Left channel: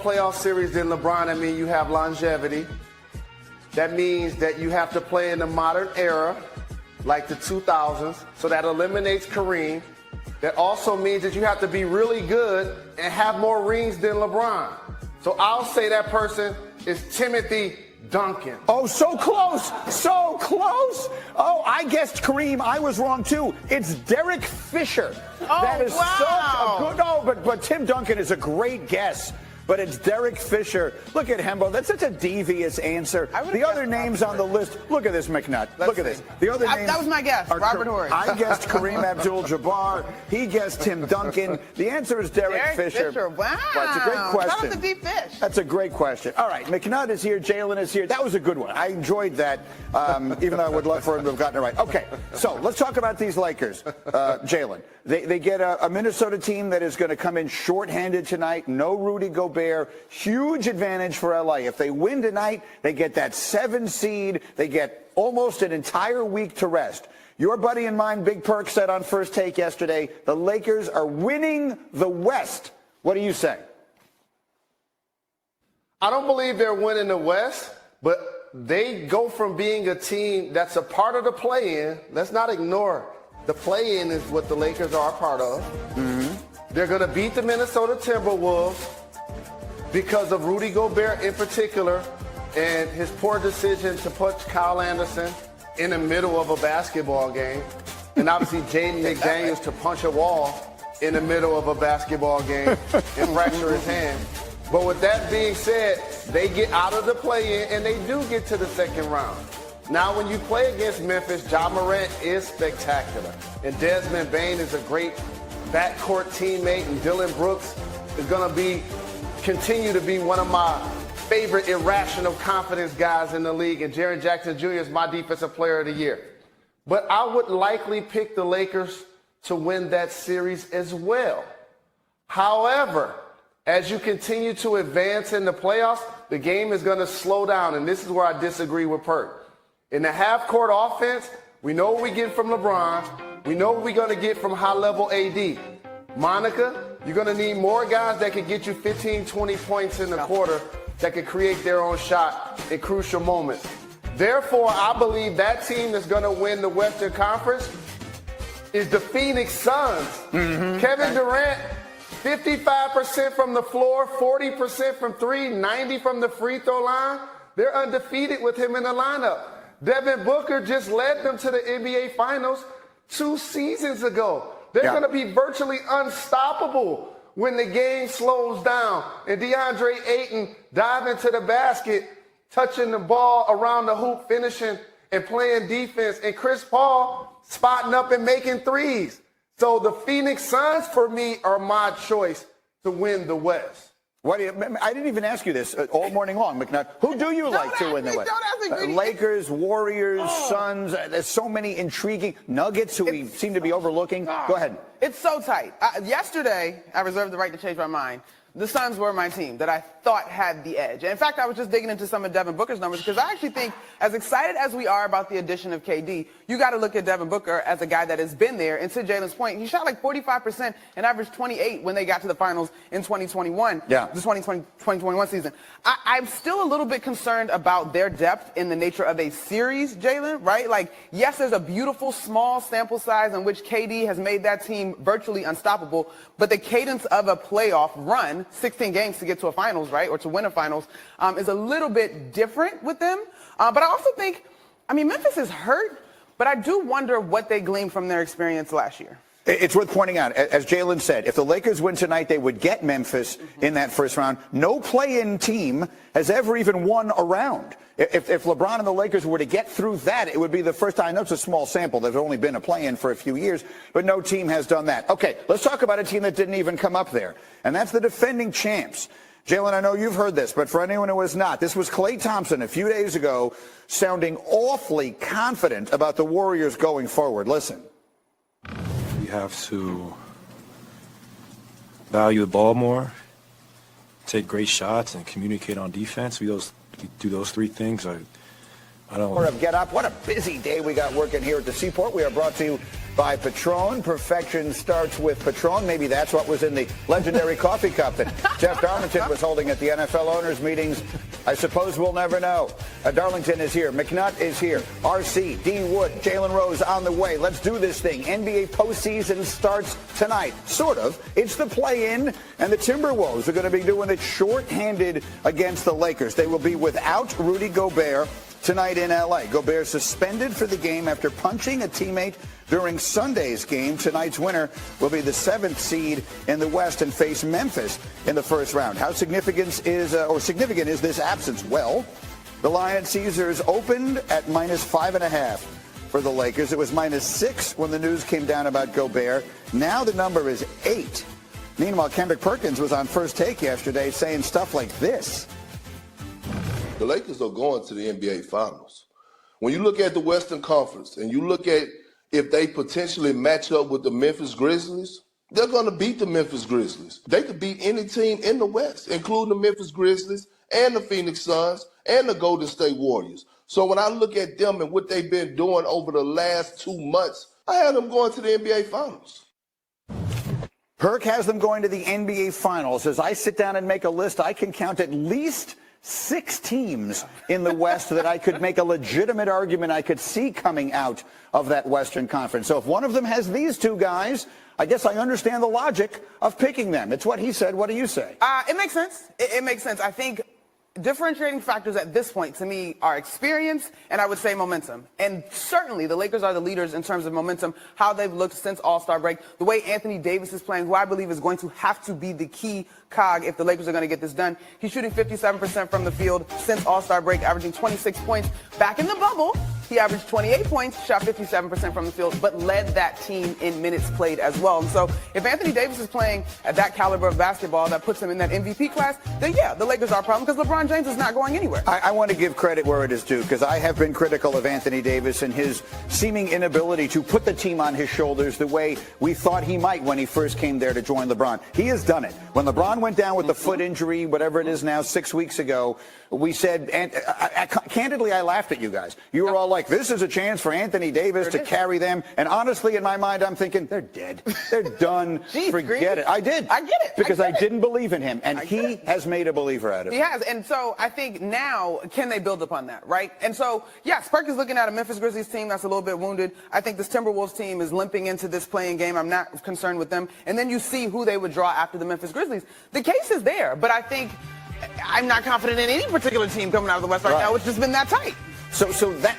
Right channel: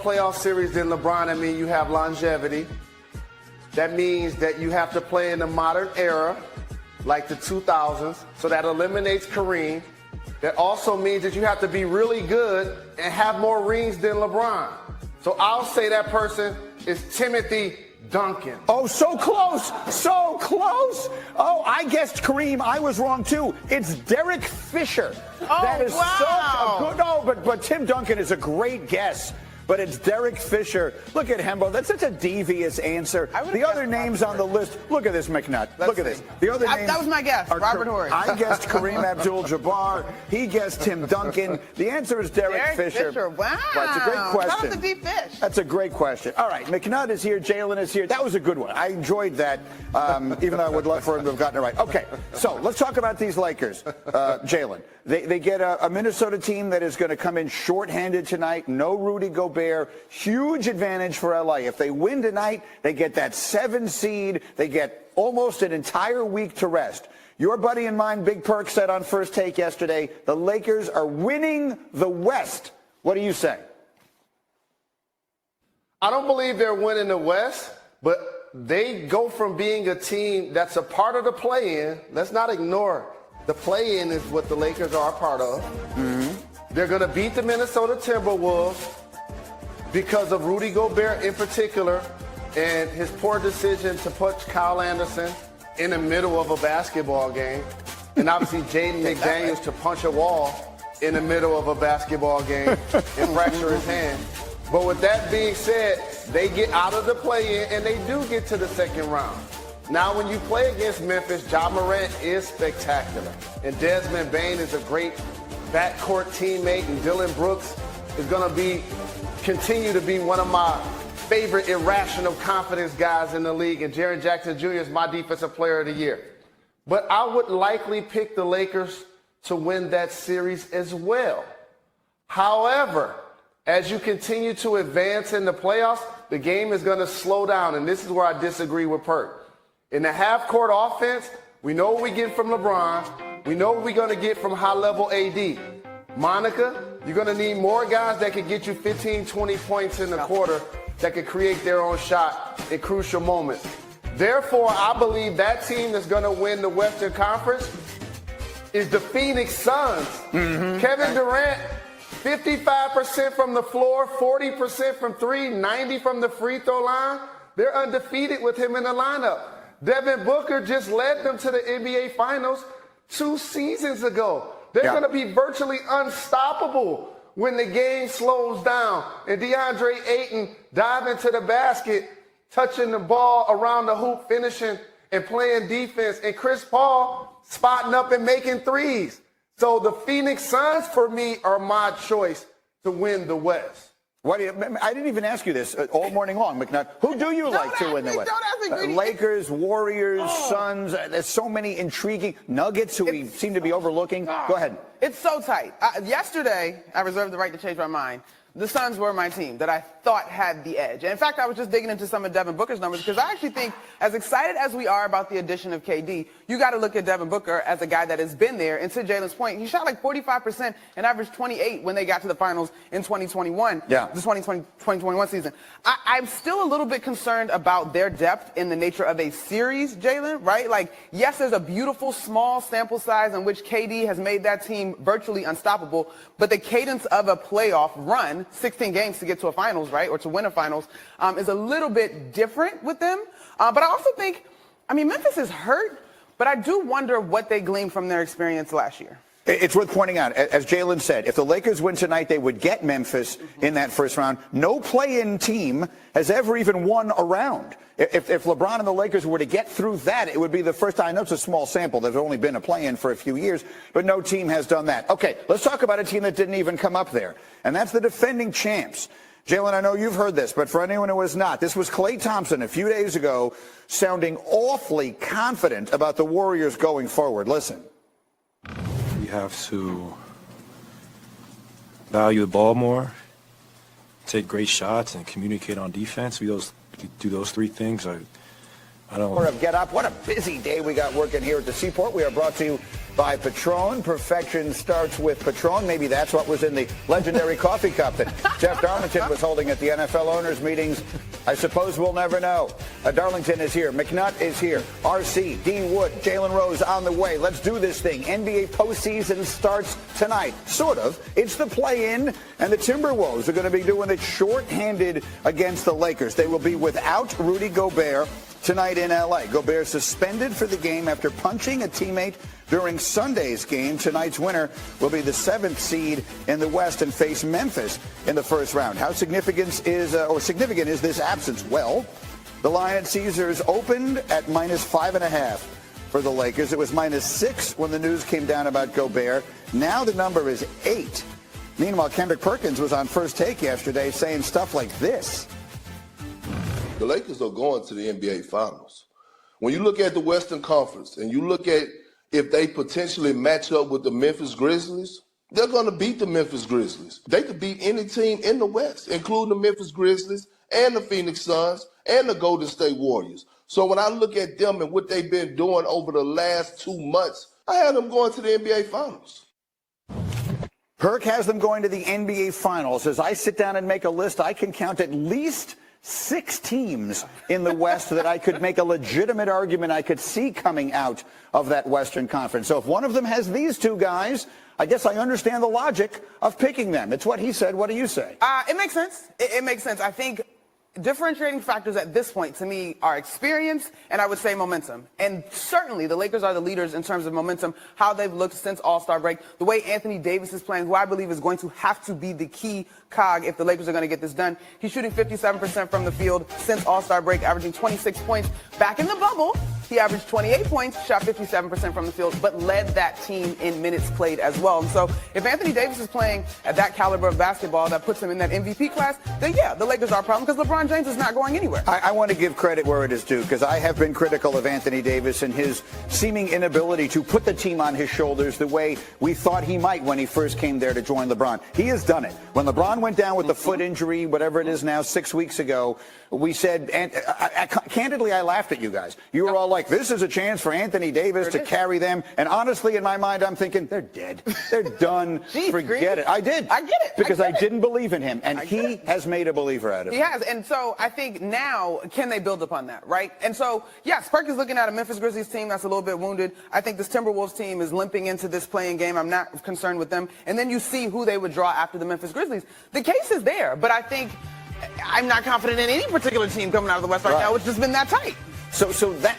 playoff series than LeBron, I mean you have longevity. That means that you have to play in the modern era, like the 2000s, so that eliminates Kareem. That also means that you have to be really good and have more rings than LeBron. So I'll say that person is Timothy Duncan. Oh, so close. So close. Oh, I guessed Kareem. I was wrong, too. It's Derek Fisher. Oh, that is wow. No, but Tim Duncan is a great guess. But it's Derek Fisher. Look at Hembo. That's such a devious answer. The other names on the list. Look at this, McNutt. Look at this. The other names. That was my guess. Robert Horry. I guessed Kareem Abdul-Jabbar. He guessed Tim Duncan. The answer is Derek Fisher. Wow. That's a great question. Time to be Fish. That's a great question. All right, McNutt is here. Jalen is here. That was a good one. I enjoyed that, even though I would love for him to have gotten it right. Okay, so let's talk about these Lakers, Jalen. They get a Minnesota team that is going to come in shorthanded tonight. No Rudy Gobert. Huge advantage for LA. If they win tonight, they get that 7 seed. They get almost an entire week to rest. Your buddy and mine, Big Perk, said on First Take yesterday, the Lakers are winning the West. What do you say? I don't believe they're winning the West, but they go from being a team that's a part of the play-in. Let's not ignore the play-in is what the Lakers are a part of. Mm-hmm. They're going to beat the Minnesota Timberwolves because of Rudy Gobert in particular and his poor decision to put Kyle Anderson in the middle of a basketball game. And obviously Jaden McDaniels to punch a wall in the middle of a basketball game and fracture his hand. But with that being said, they get out of the play-in and they do get to the second round. Now, when you play against Memphis, Ja Morant is spectacular. And Desmond Bane is a great backcourt teammate. And Dylan Brooks is going to continue to be one of my favorite irrational confidence guys in the league. And Jaren Jackson Jr. is my defensive player of the year. But I would likely pick the Lakers to win that series as well. However, as you continue to advance in the playoffs, the game is going to slow down. And this is where I disagree with Perk. In the half-court offense, we know what we get from LeBron. We know what we're going to get from high-level AD. Monica, you're going to need more guys that can get you 15, 20 points in the quarter that can create their own shot in crucial moments. Therefore, I believe that team that's going to win the Western Conference is the Phoenix Suns. Mm-hmm. Kevin Durant, 55% from the floor, 40% from three, 90 from the free throw line. They're undefeated with him in the lineup. Devin Booker just led them to the NBA Finals 2 seasons ago. They're going to be virtually unstoppable when the game slows down. And DeAndre Ayton diving to the basket, touching the ball around the hoop, finishing and playing defense. And Chris Paul spotting up and making threes. So the Phoenix Suns, for me, are my choice to win the West. I didn't even ask you this all morning long, McNutt. Who do you like to win the West? Lakers, Warriors, Suns. There's so many intriguing Nuggets who we seem to be overlooking. Go ahead. It's so tight. Yesterday, I reserved the right to change my mind. The Suns were my team that I thought had the edge. And in fact, I was just digging into some of Devin Booker's numbers because I actually think, as excited as we are about the addition of KD, you got to look at Devin Booker as a guy that has been there. And to Jalen's point, he shot like 45% and averaged 28 when they got to the finals in 2021, the 2021 season. I'm still a little bit concerned about their depth in the nature of a series, Jalen, right? Like, yes, there's a beautiful small sample size in which KD has made that team virtually unstoppable, but the cadence of a playoff run, 16 games to get to a finals, right, or to win a finals, is a little bit different with them. But I also think, Memphis is hurt, but I do wonder what they gleaned from their experience last year. It's worth pointing out, as Jalen said, if the Lakers win tonight, they would get Memphis in that first round. No play-in team has ever even won a round. If LeBron and the Lakers were to get through that, it would be the first time. I know it's a small sample. There's only been a play-in for a few years, but no team has done that. Okay, let's talk about a team that didn't even come up there, and that's the defending champs. Jalen, I know you've heard this, but for anyone who has not, this was Klay Thompson a few days ago sounding awfully confident about the Warriors going forward. Listen. We have to value the ball more, take great shots, and communicate on defense. We do those three things. I don't. Get up. What a busy day we got working here at the Seaport. We are brought to you by Patron. Perfection starts with Patron. Maybe that's what was in the legendary coffee cup that Jeff Darlington was holding at the NFL owners meetings. I suppose we'll never know. Darlington is here. McNutt is here. RC, D. Wood, Jalen Rose on the way. Let's do this thing. NBA postseason starts tonight. Sort of. It's the play-in, and the Timberwolves are going to be doing it short-handed against the Lakers. They will be without Rudy Gobert tonight in L.A. Gobert suspended for the game after punching a teammate during Sunday's game. Tonight's winner will be the 7th seed in the West and face Memphis in the first round. How significant is this absence? Well, the Lion Caesars opened at -5.5 for the Lakers. It was -6 when the news came down about Gobert. Now the number is 8. Meanwhile, Kendrick Perkins was on First Take yesterday saying stuff like this. The Lakers are going to the NBA Finals. When you look at the Western Conference and you look at if they potentially match up with the Memphis Grizzlies, they're going to beat the Memphis Grizzlies. They could beat any team in the West, including the Memphis Grizzlies and the Phoenix Suns and the Golden State Warriors. So when I look at them and what they've been doing over the last 2 months, I have them going to the NBA Finals. Perk has them going to the NBA Finals. As I sit down and make a list, I can count at least 6 teams in the West that I could make a legitimate argument I could see coming out of that Western Conference. So if one of them has these 2 guys, I guess I understand the logic of picking them. It's what he said. What do you say? It makes sense. It makes sense. I think differentiating factors at this point to me are experience and I would say momentum. And certainly the Lakers are the leaders in terms of momentum, how they've looked since All-Star break, the way Anthony Davis is playing, who I believe is going to have to be the key cog if the Lakers are going to get this done. He's shooting 57% from the field since All-Star break, averaging 26 points. Back in the bubble, he averaged 28 points, shot 57% from the field, but led that team in minutes played as well. And so if Anthony Davis is playing at that caliber of basketball that puts him in that MVP class, then yeah, the Lakers are a problem because LeBron James is not going anywhere. I want to give credit where it is due because I have been critical of Anthony Davis and his seeming inability to put the team on his shoulders the way we thought he might when he first came there to join LeBron. He has done it. When LeBron went down with the foot injury, whatever it is now, 6 weeks ago, we said, and candidly, I laughed at you guys. You were all like, this is a chance for Anthony Davis to carry them. And honestly, in my mind, I'm thinking, they're dead. They're done. Forget it. I did. I get it. Because I didn't believe in him. And he has made a believer out of it. He has. And so I think now, can they build upon that, right? And so, yeah, Perk is looking at a Memphis Grizzlies team that's a little bit wounded. I think this Timberwolves team is limping into this playing game. I'm not concerned with them. And then you see who they would draw after the Memphis Grizzlies. The case is there, but I think I'm not confident in any particular team coming out of the West right now. It's just been that tight. So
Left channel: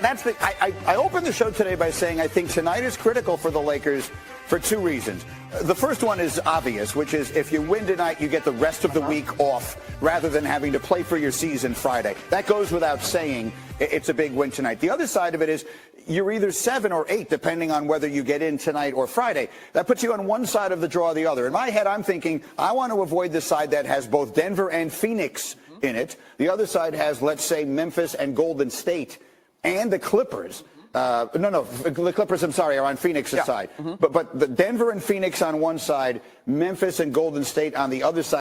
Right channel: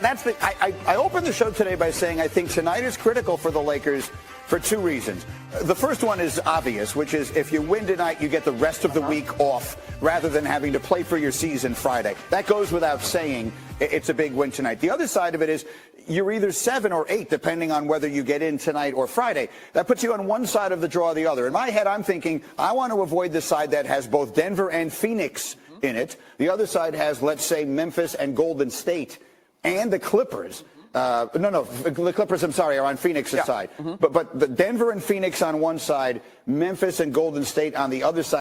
that's the. I opened the show today by saying I think tonight is critical for the Lakers for 2 reasons. The first one is obvious, which is if you win tonight, you get the rest of the week off rather than having to play for your season Friday. That goes without saying. It's a big win tonight. The other side of it is you're either 7 or 8, depending on whether you get in tonight or Friday. That puts you on one side of the draw or the other. In my head, I'm thinking I want to avoid the side that has both Denver and Phoenix in it. The other side has, let's say, Memphis and Golden State and the Clippers. The Clippers, I'm sorry, are on Phoenix's side. But the Denver and Phoenix on one side, Memphis and Golden State on the other side.